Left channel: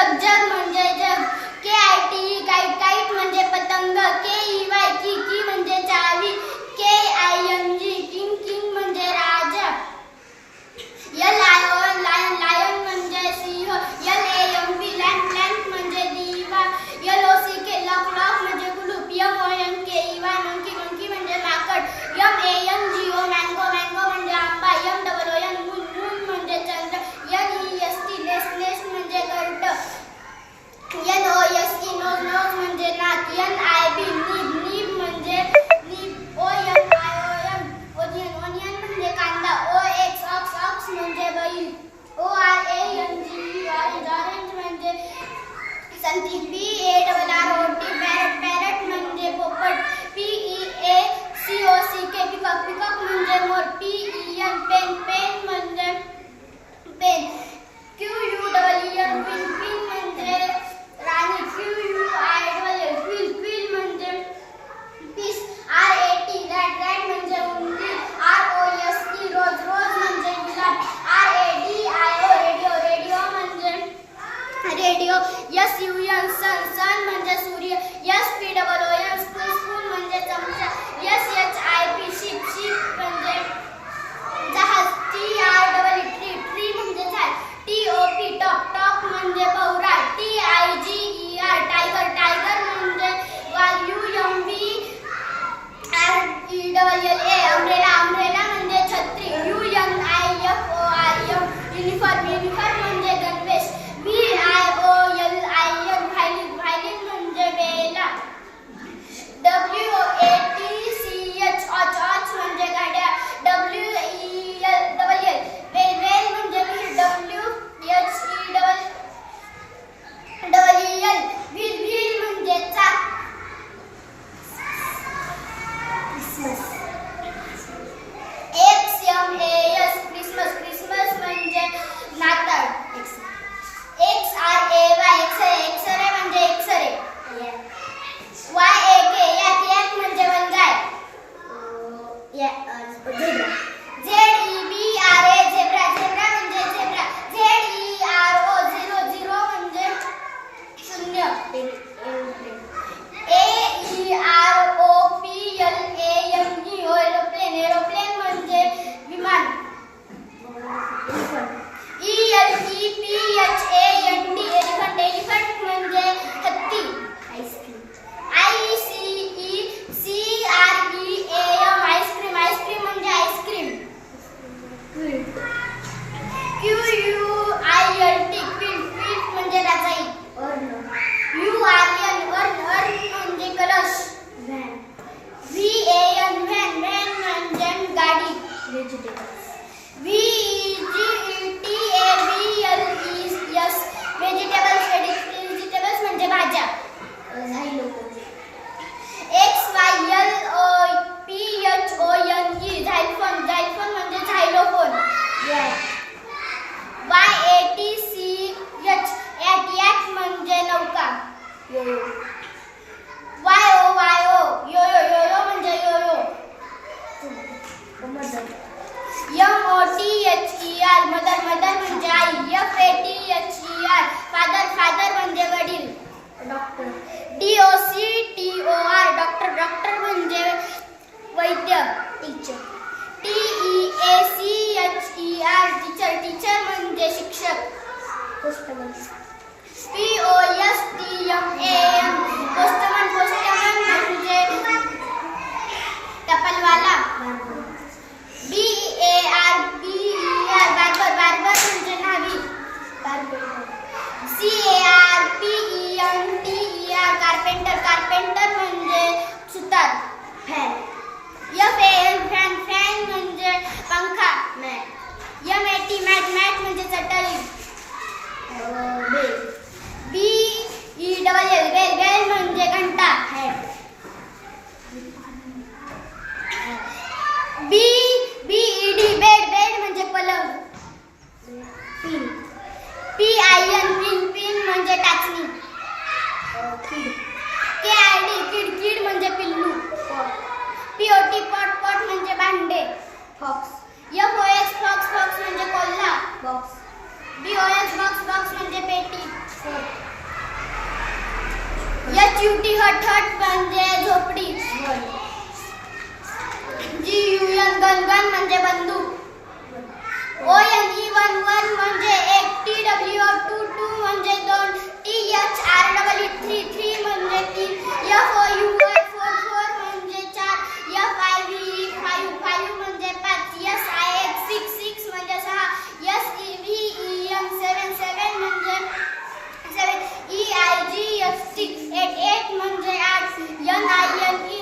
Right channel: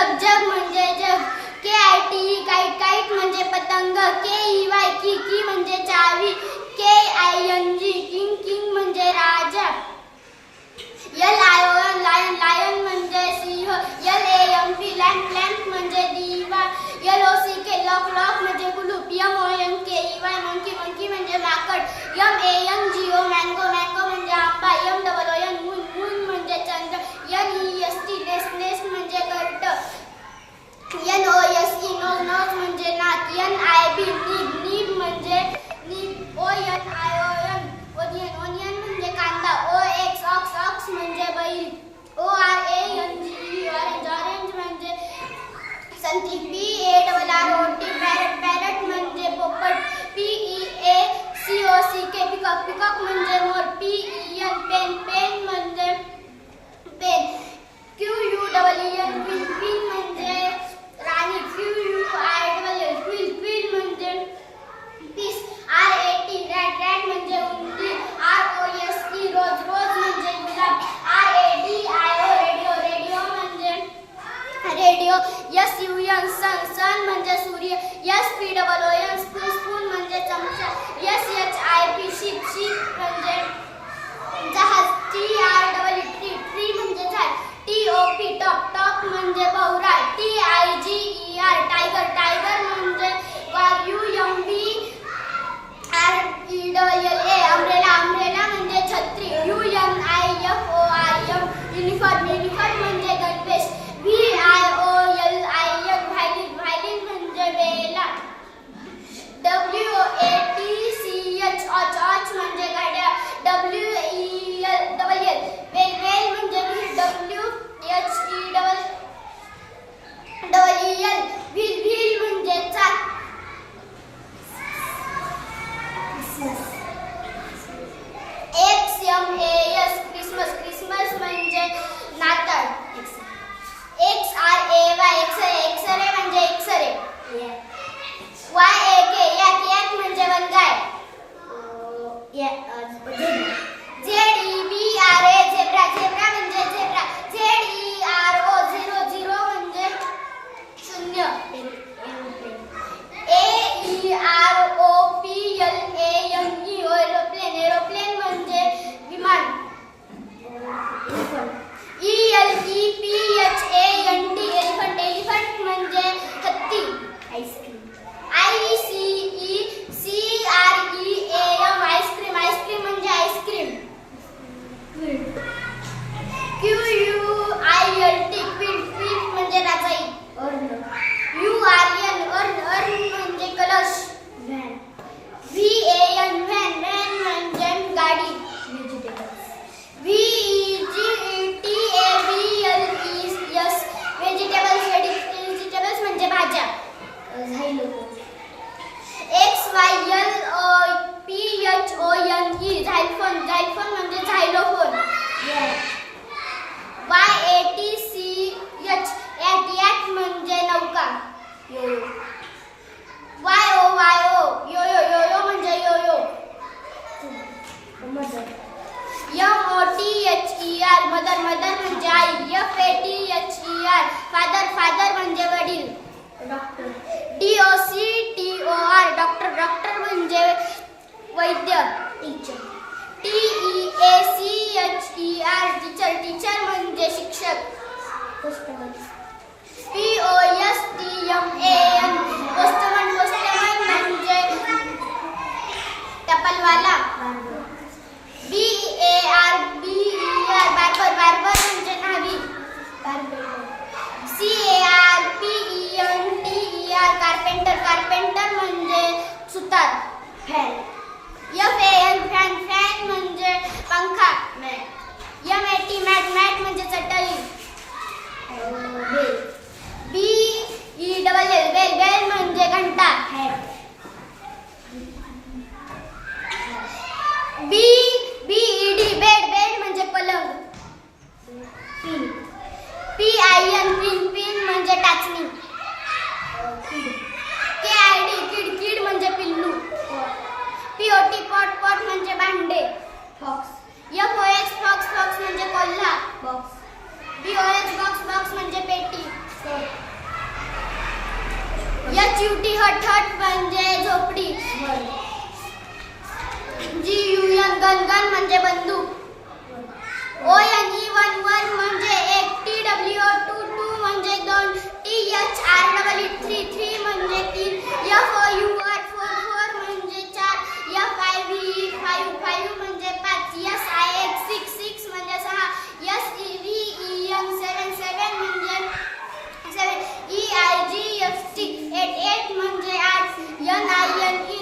झग झग मंजे जग K I T E kite kite म्हणजे पतंग के ई वाय की की मंजे चावी K I N G king king मंजे राज Costa you. B B E D bed bed म्हणजे पलंग. P I N pin pin म्हणजे टाचणी. K I D kid kid म्हणजे पिल्लू. P O T pot pot म्हणजे भांडे. Box F O H fox fox म्हणजे कोल्हा. Box B O H box box म्हणजे पेटी. एच यू टी हट हट म्हणजे N I N E